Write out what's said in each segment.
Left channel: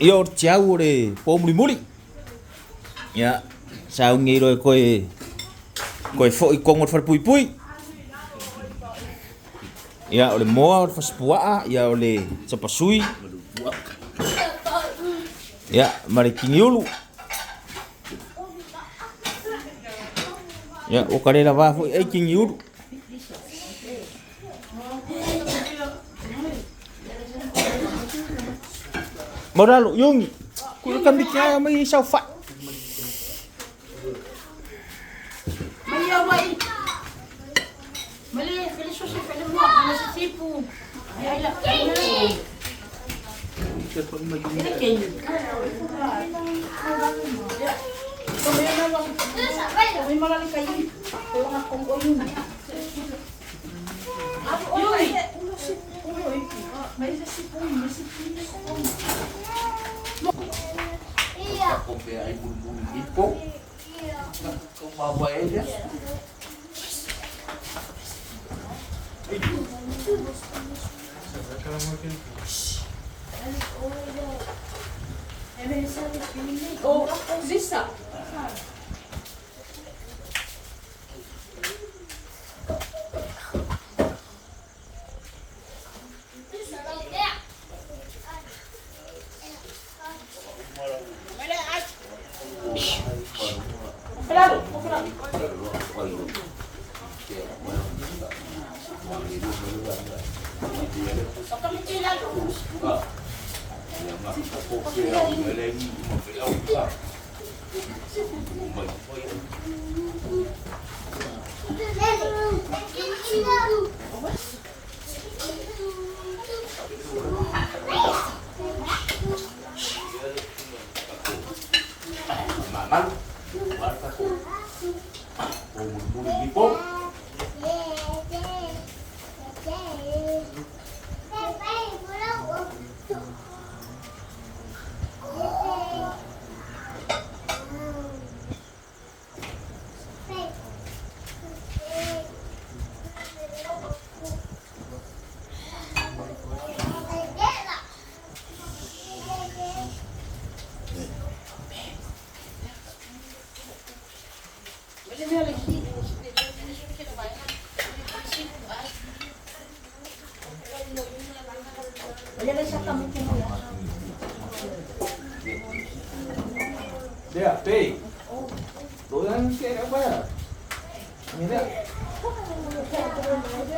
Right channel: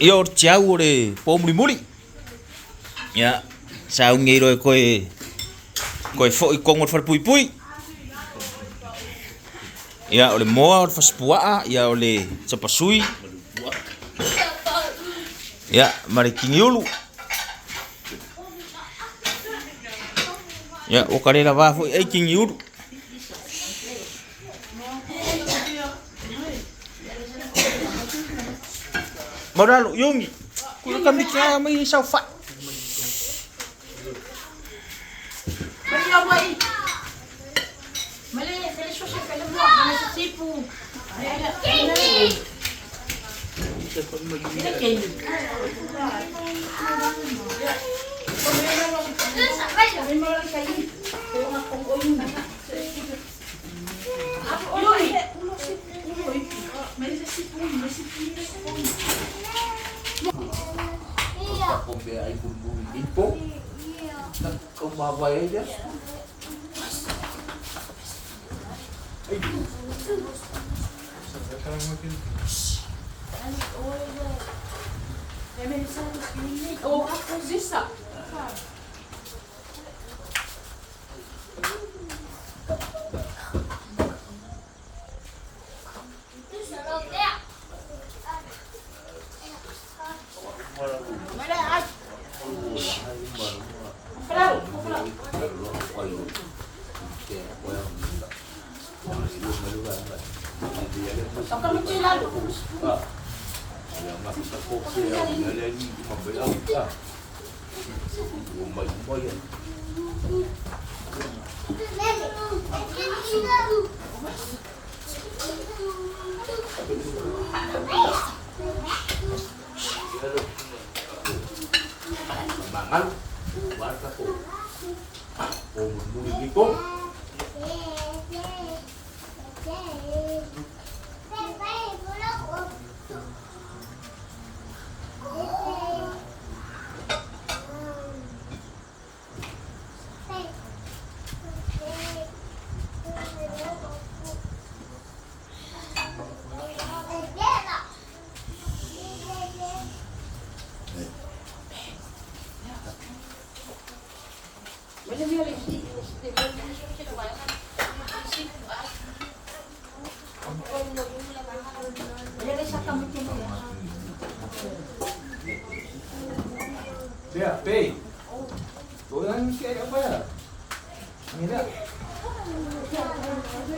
Ia o tiau o le po muli. Ia sa ngei ro koe fo i kongo fa pui pui. Ia o le moa o le faspua ia o le tapasui. Ia mare kingiulu. Ia o kare la va fo e kingiulu. Moralo yung kuya kami ka may sao fa. Mali mali kaya siya sa pala mo na sa sipo. Ay ay. Ako kaya ay bulbulin po. Kumabay dia. Oh, zisa. Maman, warta ko. Bulbulin po. Dia, pay. Doyan kaya apa ya? Ini dia.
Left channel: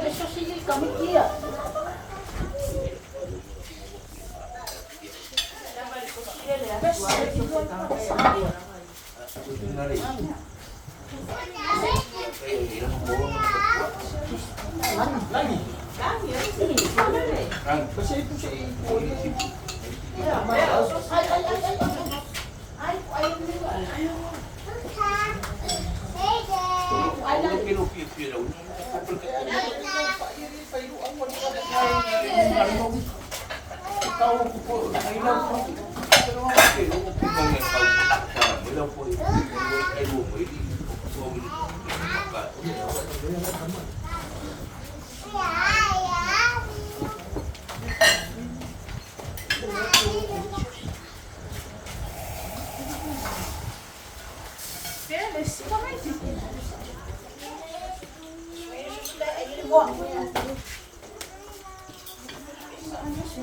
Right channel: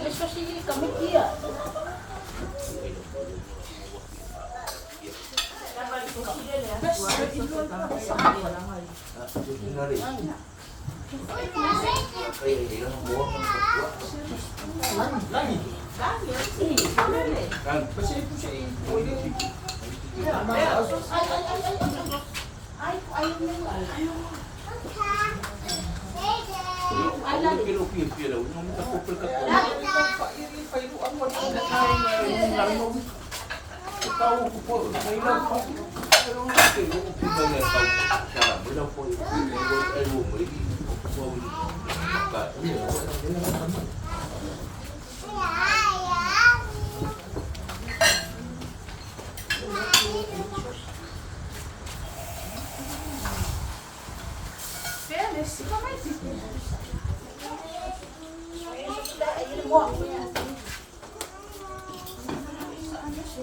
Eso sigue como kia. Lagi.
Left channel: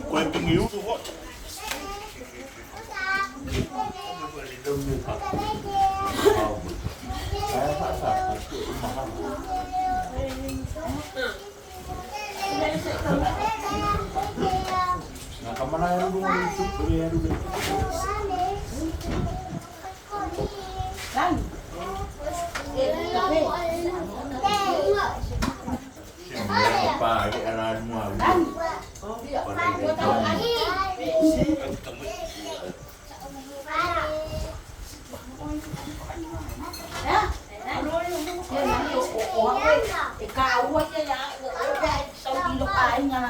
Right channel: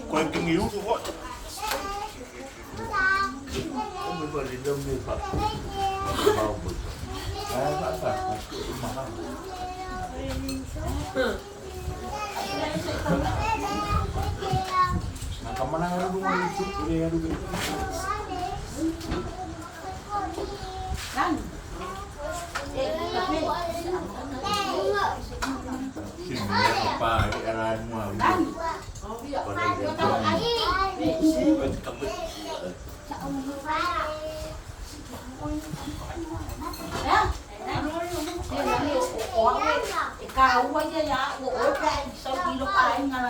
Quay kinh yếu đúng không? Không phải đến đâu mua Phật. Phật mà không. Nah, kemana ya lu itu? Ya dulu. Sini apa? Ada arahan mau.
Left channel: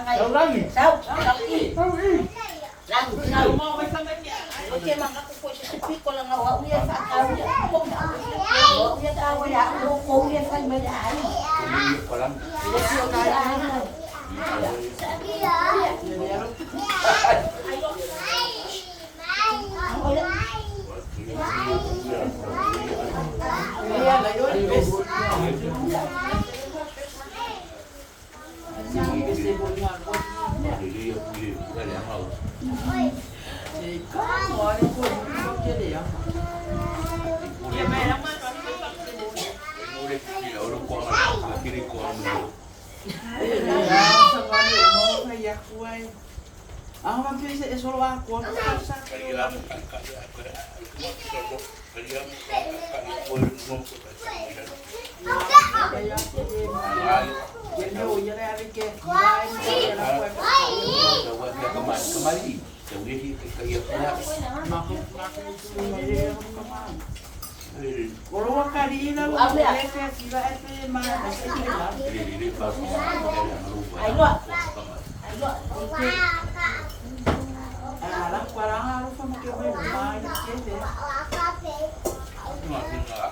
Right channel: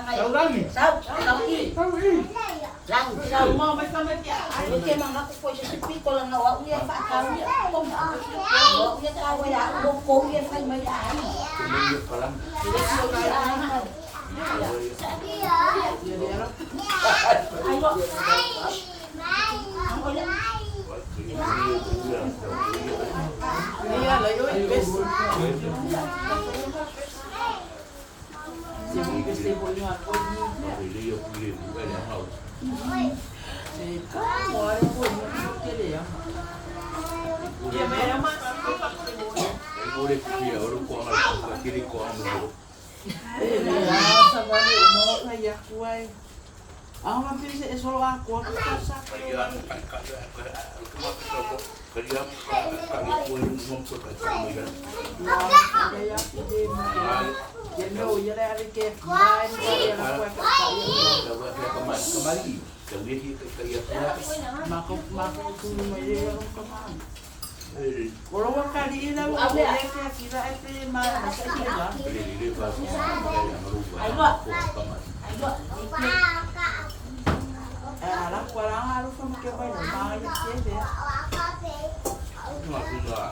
Tahu lagi? Sao mau mấy cái cái mà nó cũng sẽ biết con là nó ở nhà phải tao nhỉ không đã ở nhà tao bây giờ cô nhà phải mấy đã để chiều nói ai này Iya, layo bes. Sibuk-sibuk ni aku ni. Kamu ada pun jadi ya. Ya, memang aku tak boleh. Udah kira orang kuat kiri kuat dulu. Sama ni mau kayak kuai. Ang mapisa isul ako sa Kaya kami pun ngumpul kat sama kan. kaya sige mo yan ay ke kuai kaya Dapat dia kembali. Yang dia kaya maku itu may kaman. Kalau wakari ilang sa sila ay mana sa ila. Dia bagus yang merubah. Alam parang araw sa mga kaya mayat kasi. Cuma tinggal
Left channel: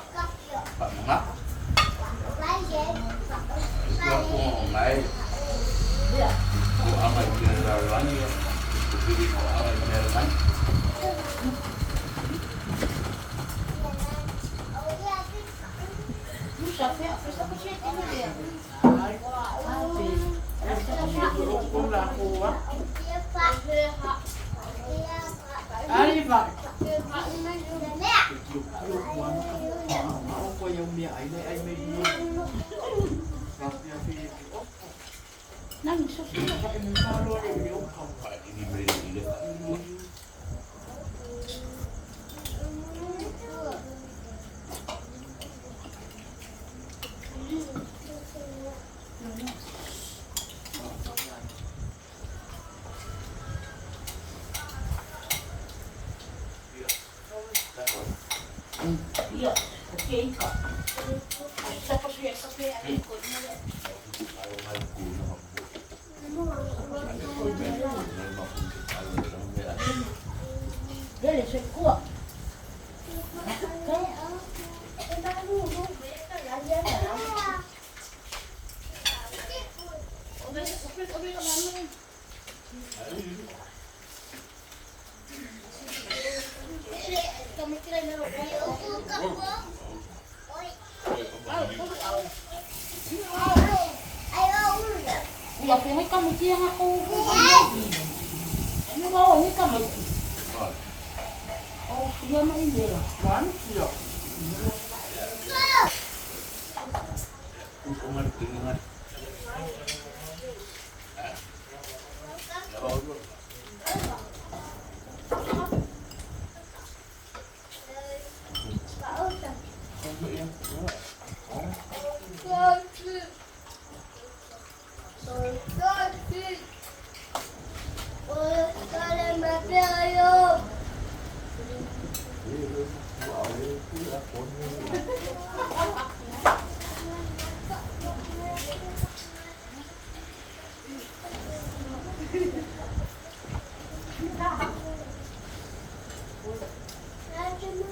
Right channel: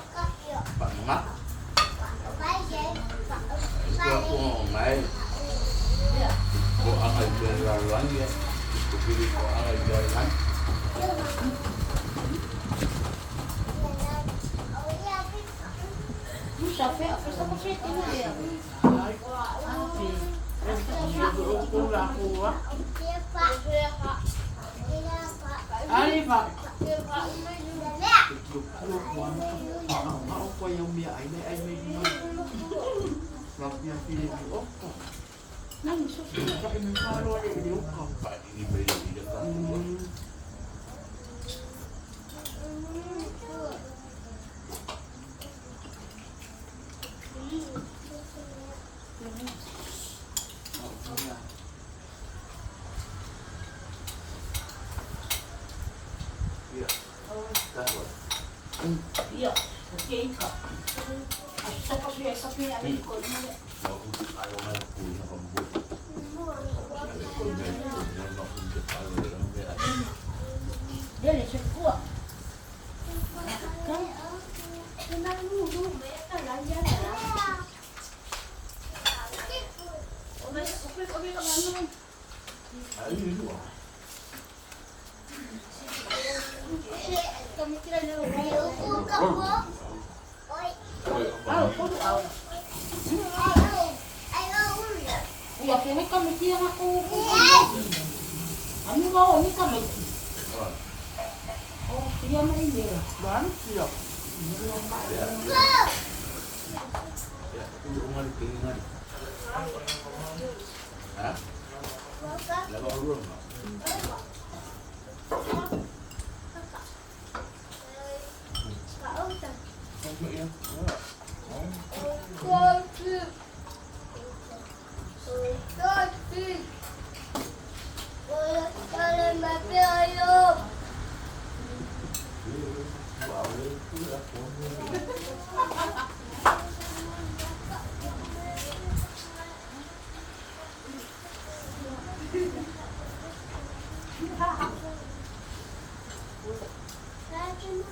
Pak Mak. Itu aku main. Aku akan jalan ya. Jadi aku akan jalan. Ay, kung lakuha. Ay, ba? Ako yung miya ay may Rapnya pilih nang susunod sa kanyang halo ay yung Pak ini beri dia kan. Iya, oke ka. Sa pasuya sa piya ay ko na. Kalau main guna membuat. Dali sa kuha. Ya, kaya kami siya ako. Ano ba? Ano kami? Oh, siya na indira. Ban? Siya. Umar keringat. Hah? Lepas dulu.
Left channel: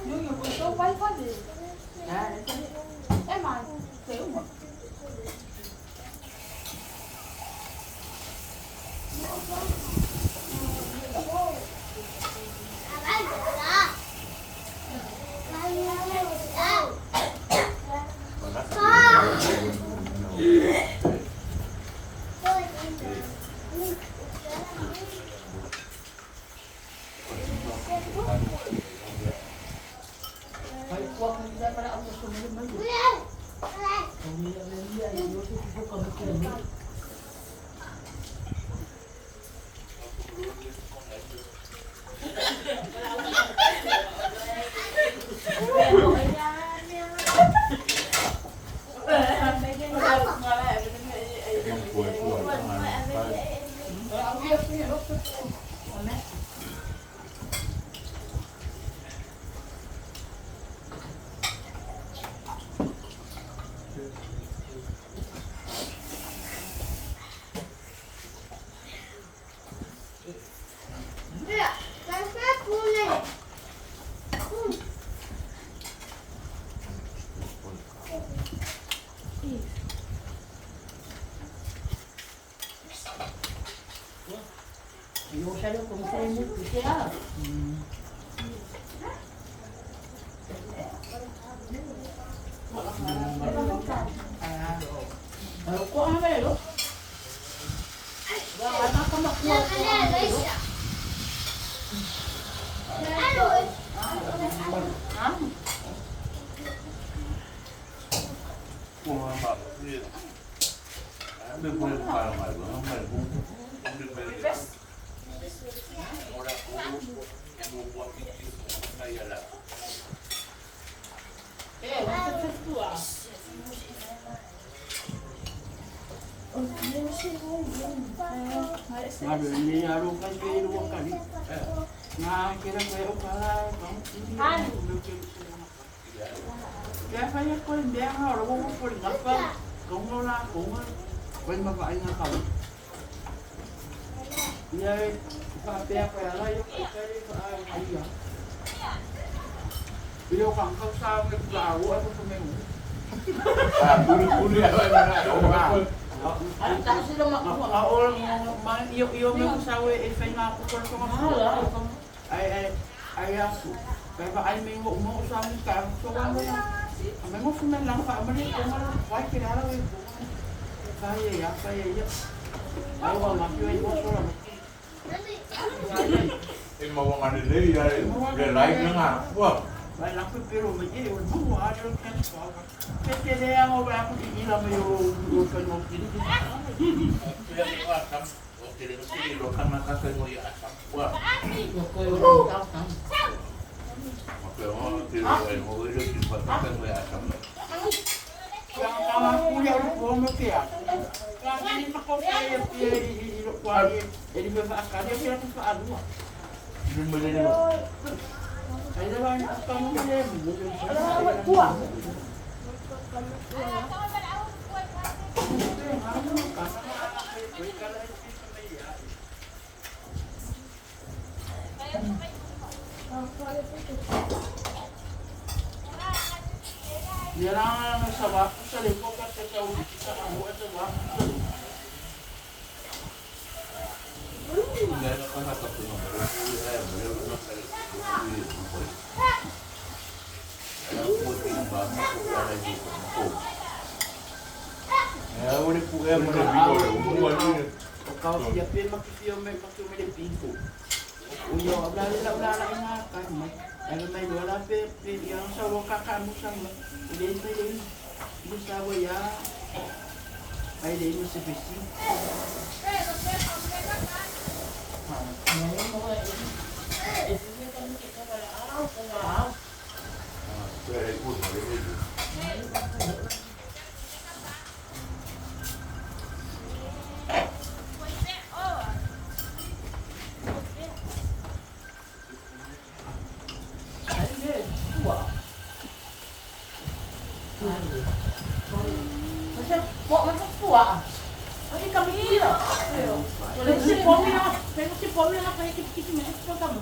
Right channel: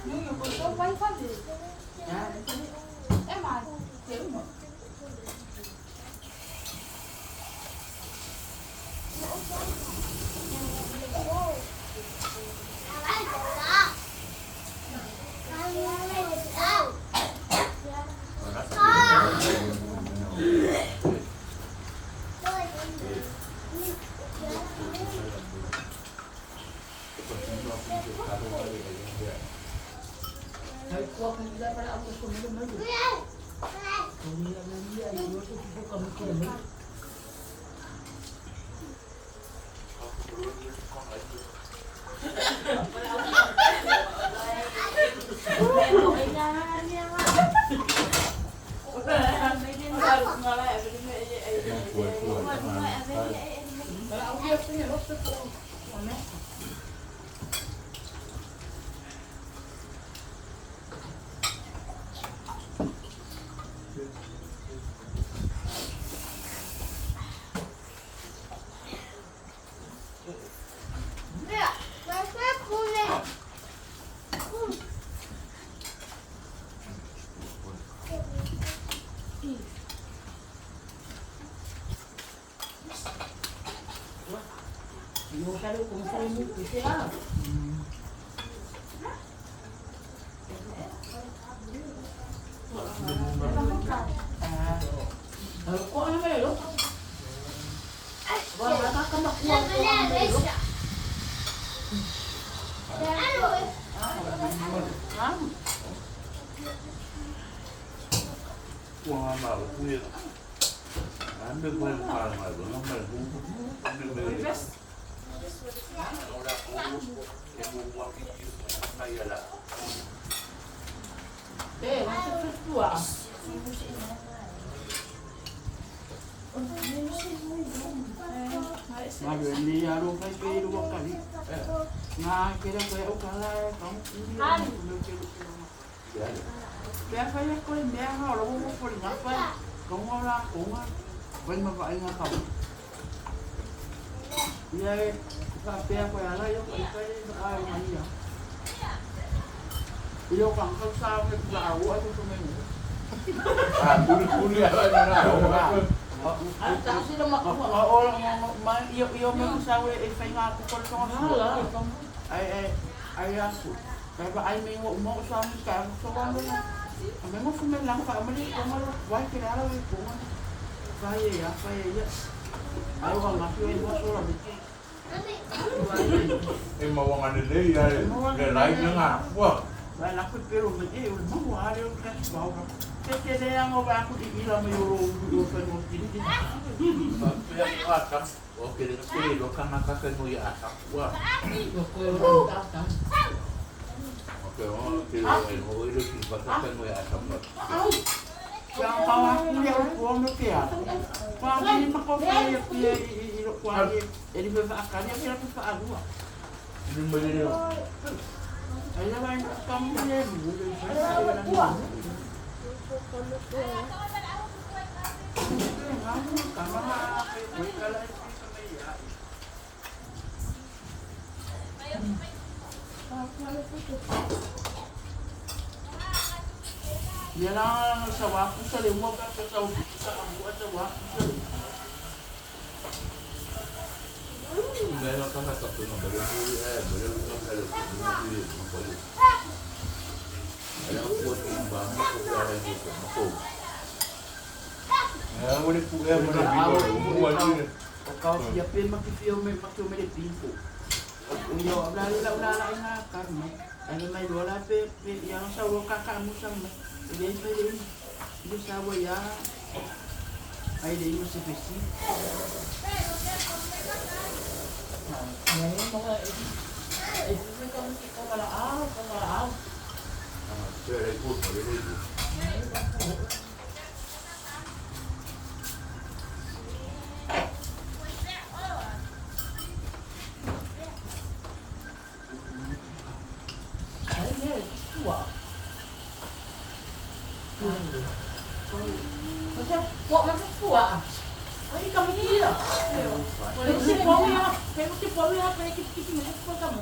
Yung gusto pa pa din. Ma, sa'yo mo. Ay, kuwag na nila para ako sumunod na yun. Kung nila na nila, ay yun, ito kami kami. Yung siya kung sa'yo mo, siya. Buang apa? Punya. Ambil punya barang apa? Ambil buku. Ambil beli. Orang buku yang buat saya lah. Macam tua. Ada ni aru kan ke dua kali. Nah, kira saya ukalai kamu ini. Ya saya kau dia orang mau pergi apa? Kamu orang kamu kau mau apa ingat kamu? Ya, apa apa yang lain? Kita ada hari ya. Beliau kan kau sama dengan awak atau sama ibu? Bulu apa ni? Tak sila mak. Orang main iyo mau sawe efek aku kalau sama ay aku. Pero ay may mo sa amin ka so ano na. May mo sumen lang family ko mo why kilala ko. Kaya ya. Ay wala na kiyo mo so lang. Mawang ano din ya. Live na nga. Wah. Ay naku pero may iyo mo ari yung kan pa. Kasi dia ang ba ako iila mo yung pa mo kini. Kuya mo atam. Okay, din ko ilo kan makakay mo ya atam. Wah. Okay, kilo ay mo ilo kin makakay mo ya atam. Yang pala kuya ko mo kaya. Pa ni mako kaya ilo ko ay edi ba akanya kaya ko pa agua. Ini mo din no. Ay naman kamu ni mo. Dia lang sa wapo sa limo ka sa ubi sa amo at sa wapo sa limo. Hindi na kana sa puno pero pero na sa limo. Alam ko din ba mo ko para dito mo. Wala po kaya mo na bigo. Umuwan din. Kau siapin makikio may de pinto. Uyo abla ina kan may. Ano may wala pe yang sa waka ka mo sang Hindi pa yun. Gusto ko ya. Ay, di mo si Christy. Ngayon mga isipin ko kita kalaaw. Pero ay good, maliligo. Macam buat macam tua. Ini kami ni lah. Boleh si pomi lah. Saya mesti pomi lah. Saya kita ni ekspor kamu.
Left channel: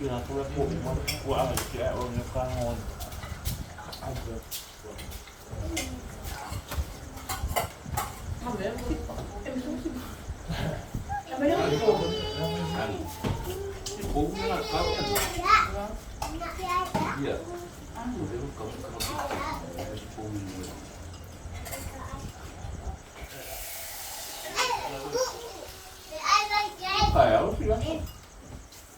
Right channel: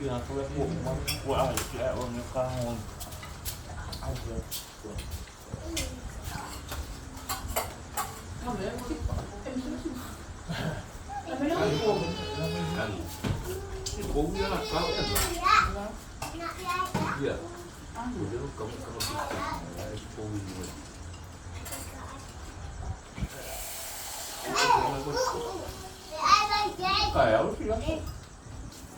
Kaya ako lang po, magkuha kaya huwag niyo kangon. Kung nga, kau kan? Iya. Pero kamu kaya ako sila.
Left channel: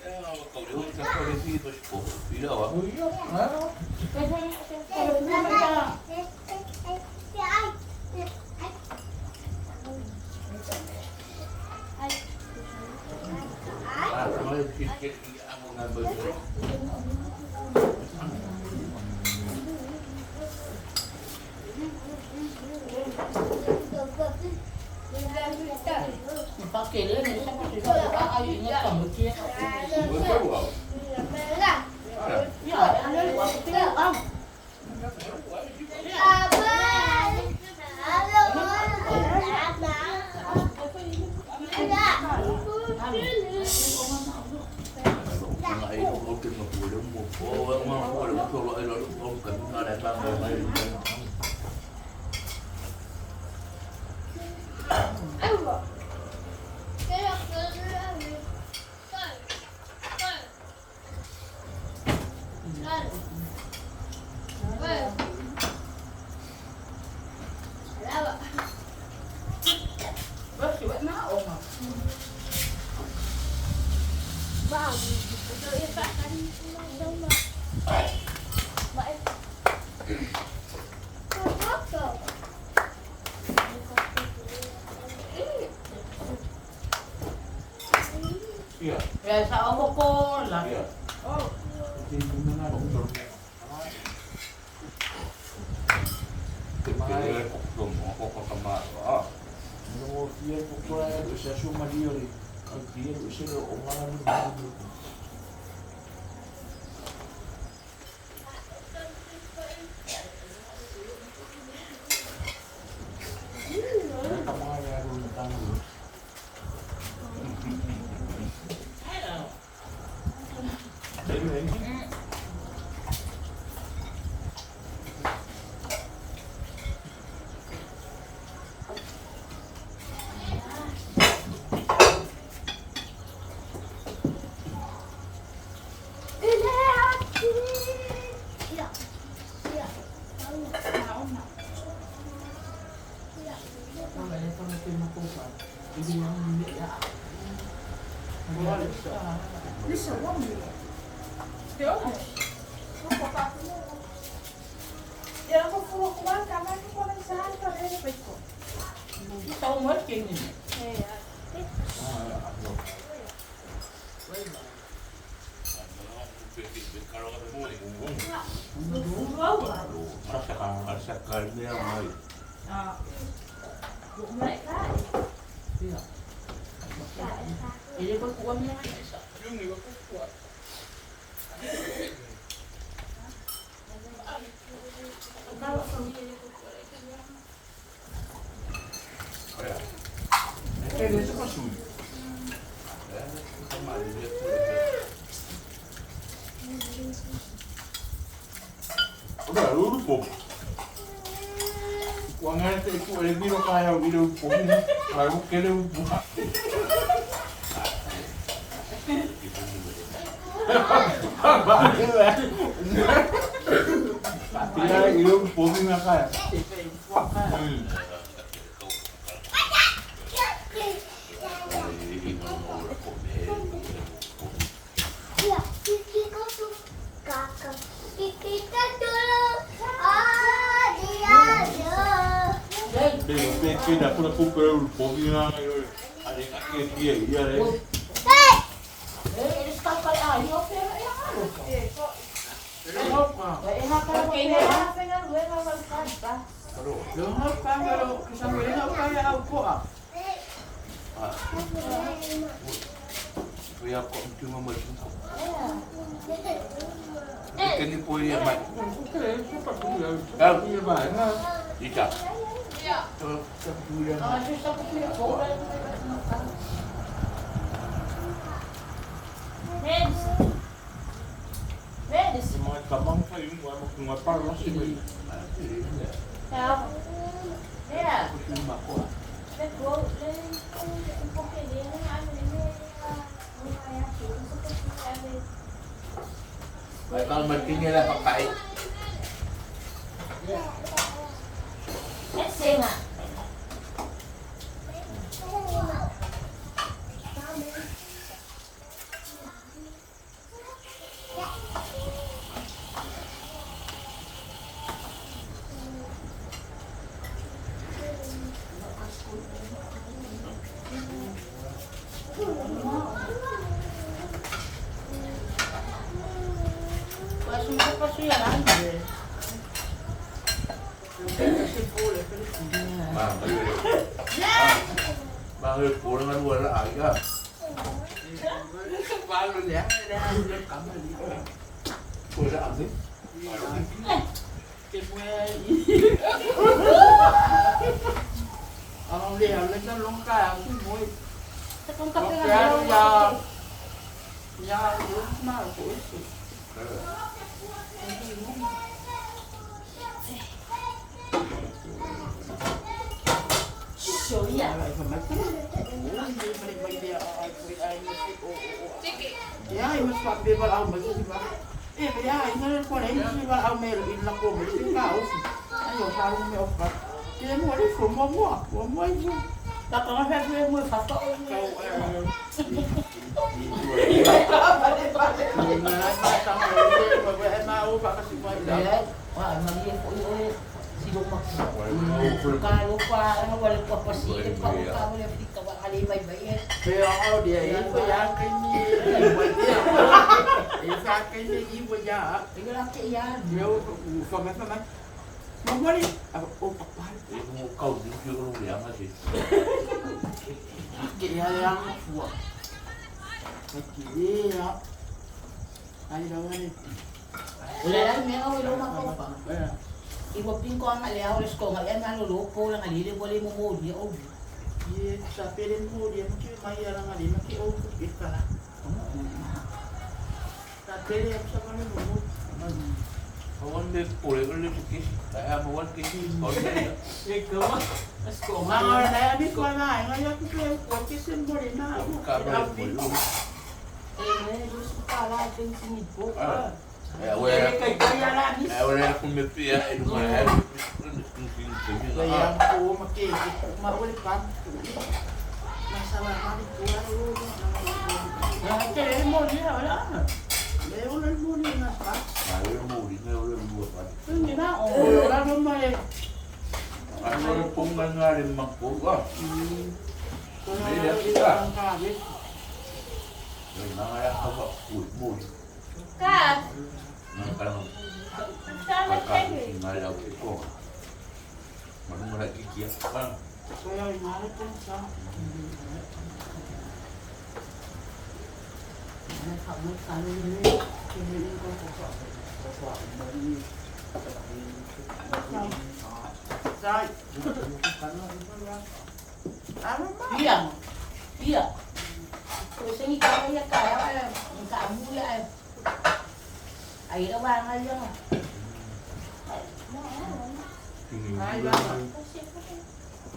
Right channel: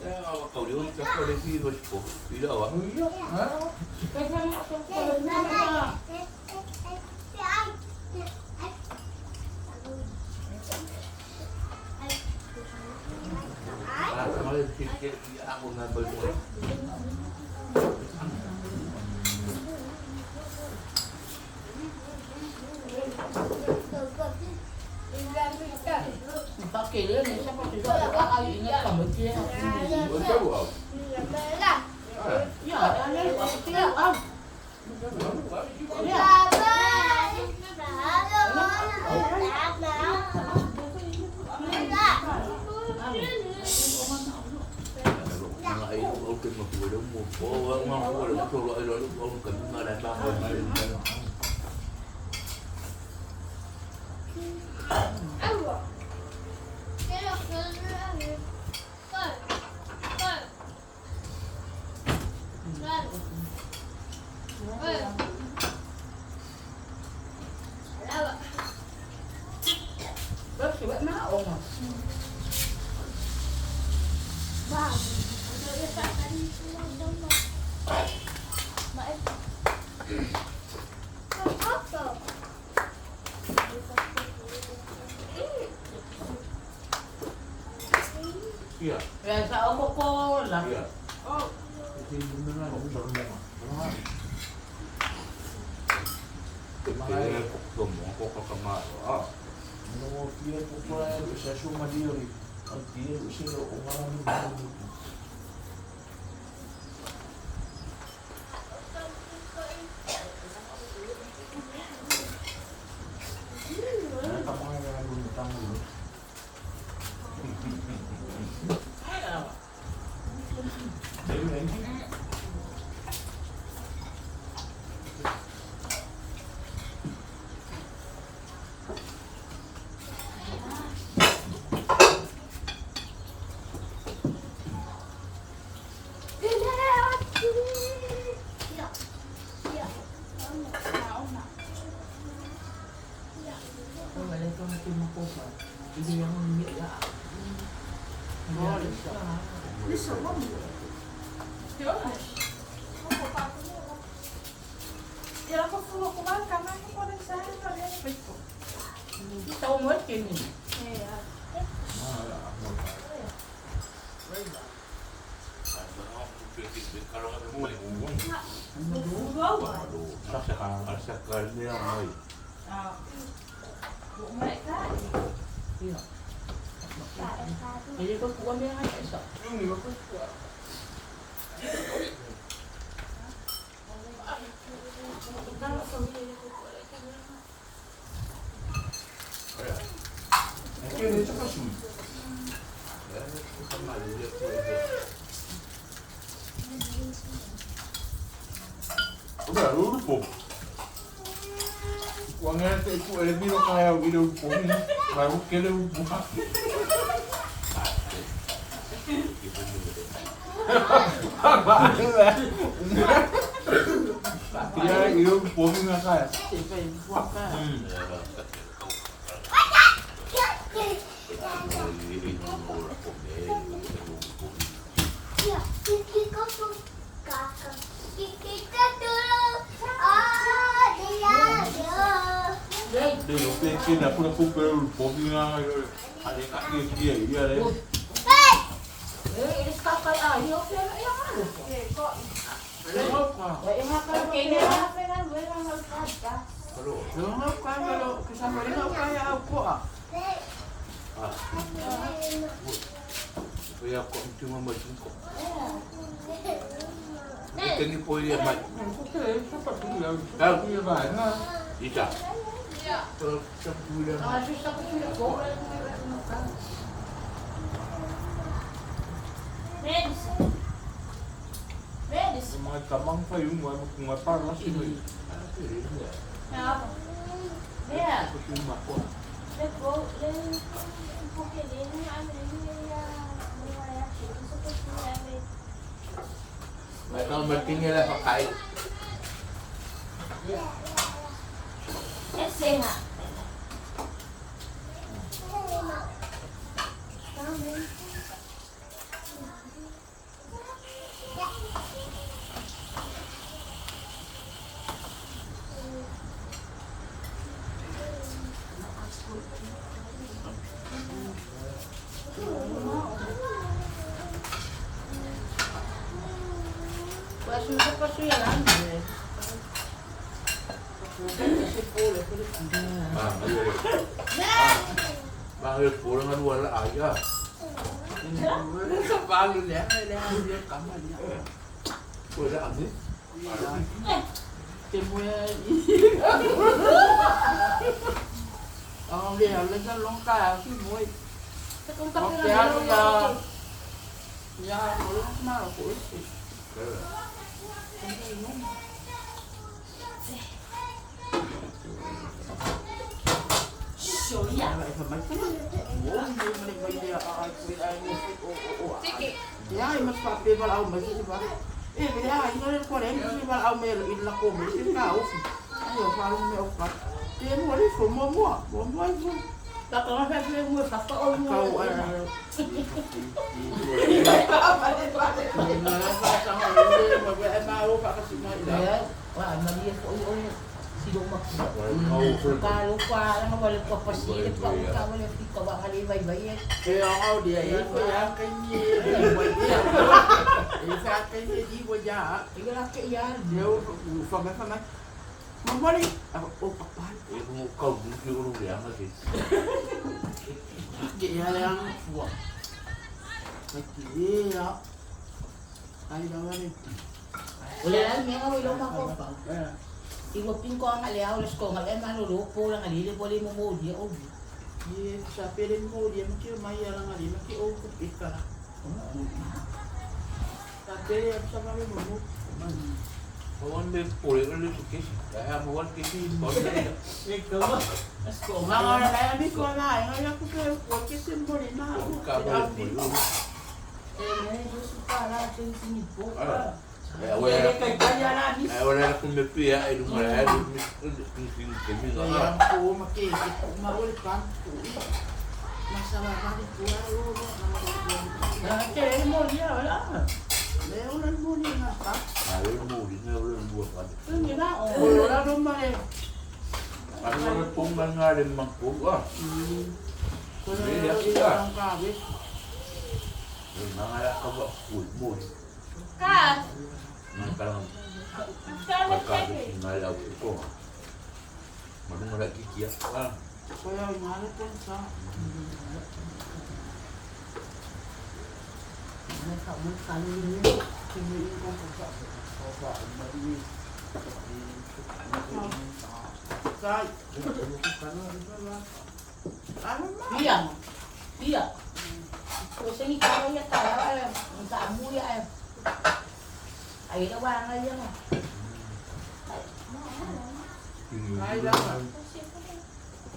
Kaya kau dia macam kau dia sih bos po. Tidak awak. Iya. Kalau sikit aku ngambil. Pakai dia ni siapa kita tak ayu ingat kamu dia. Betul awak. Ya, ada buat kita am. Ya. Bớt thì vẫn má ổn mà. Iya. Rồi sao cô là Iya. Kepala kok ngomong kok kamar. Ah. No fia pokoknya bisa cuma dia ri. Dia bisa orang itu. Nah, kamu ada dulu tanggung. Dem lagi. Tao mất kinh nhỉ? Sakal dia mai. Jadi kau kuat ni ada tak? Yung ni ko ko. Ele itu pasui. Udah lu pop. Uangnya itu biro kaya biro pop. Lalu kele buka. Tidak, itu pop nggak kaya. Dia pikir aku nak pukul pobina ada kaki dia dia deh. Ini kakak ayo pera yang ada. Kalau ini Lumot ka pero kasama rin ako kaya ako ah. Kaya ko cuma macam ko. Kini po ya mai. Aku kira cepat tu lah. Tahu Iya banget. Ita. Cepat tu lah. ada satu kira boleh. Medicine. Mga kamang pa yung mga parlas si may. Now, yeah. Yung mako. May kang matingin na pagkain. Kasi nga. Kasi magpapasuyalan eh. Kasi pula, pero hindi na. Bakit pulang nga wala aga? Sa palo niya, may nahanap kami dito. Wala aga? Kemudian ang lihaw lang ng longka, ang simoy. Sa kung kape Kaya nga niya, niya, ulit na ako isi. Soya. Ay, pamagkano. Oo, hindi mo rin bagay ay musik o. Ya, mas papi ba ako bagay, di ba? Kaya, ino ko rin, hindi ba ako meron ila ko, may ikaw. Ayo, parang may opat. Kaya mo rin, mo. Baka nga sabi mo, patoon mo. Ikaw, Wah, maliyan ko ulit. Sino Kalau pa, ano, wala pa pasilip pa, wala ka ba kalibay ba yan? Kaya ako, di yan ko yan kanya. Isa kanya, di mo yan. Tingnan lang yan. Yo, sama-sama. Mamali. Pakpahal. Ibu mau kau dulu yang masih. Kaya yang buwa. Kaya. Ay, naman eh. Wala lang, may nga wilong ako. Iwapin ko ang aliyaw, alas ko, ngayon manulupo lang, alilip, wala mo mo, di ako. Sa pirin mo, di mo kayo mayarang alin, makiupok ika lang. Tatili, sa kami mo. Kawan may pulih kalau sikit. Saya buat tinggi. Baru saya. Mga nayabis ko nga, ngayon ko kayo, pagkisin mo rin na ako. Kabar pulih. Ngayon, gusto pa natin sinipok. Awalnya Kaya lang, awalnya aku mimpi ya itu malah Kaya po, makikit, maulit pa. Masama kami po, kaya mo, di na, wala. Leonan mo rin na pa. Lalu mau di lalu dua kali. Hindi na, Wala naman eh. Ano na pong nga rin magpuwa. Kung na ang kabit. Nangalat ka ba? Uy. Kat, Nang parang sama pagkakit ngalaw ito. Manong lagi kiyak ka. Kaya imalit ko sa... Nagkalo yun. Kiniin ko sa... Say! Ano ba? Biyang. Kasi ni kaya niya tayo, ang kaamu yan. Ay, nawangal yan. Ay, naman.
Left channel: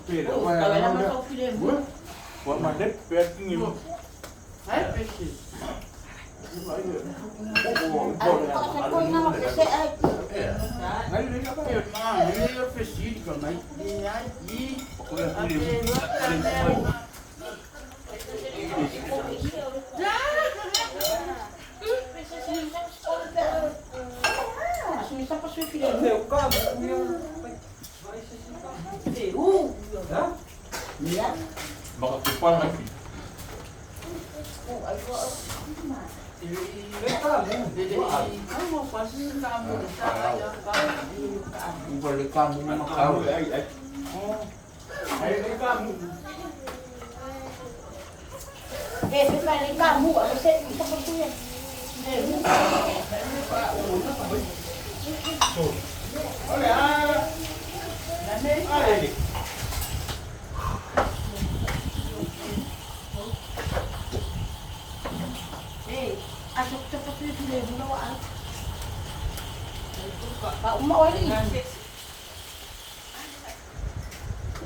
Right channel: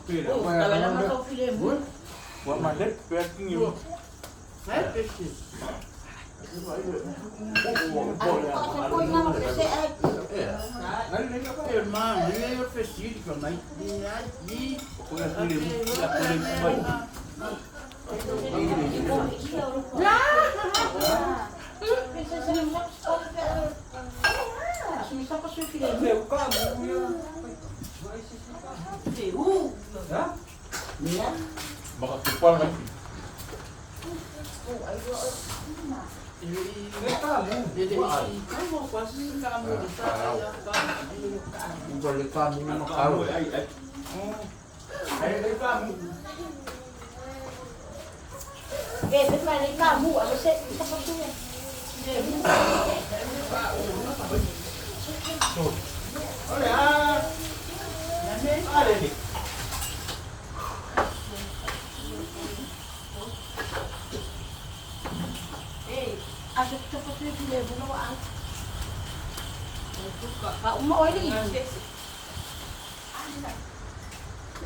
Pero Oh, tagal naman sa film mo. Wah mandet pet ngim. Ay, pesi. Ngali ka pa. Ay, ma, hindi yung pesi ko na. Di. Ako na film. Ako na Sumisang ko sa film. Niya? Makakipal lagi. Oh, ay, Ay, mo, kasi ka mo sa kaya ka. Balik kamu na makaw. balik kamu. Ano siya? Isa pa siya. Asok siya pa siya. Bunawaan. Paumauli.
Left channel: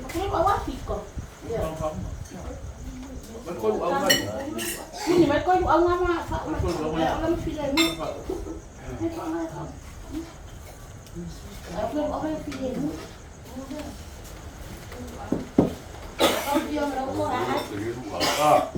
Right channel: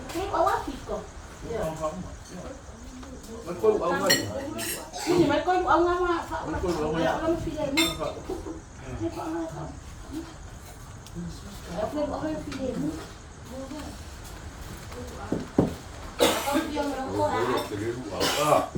Kaya mawapit ko. Betul awal. Ini mai kau ang ama alam film mo. Ay pa nga ka. Ako film mo. Ako yung ako ah.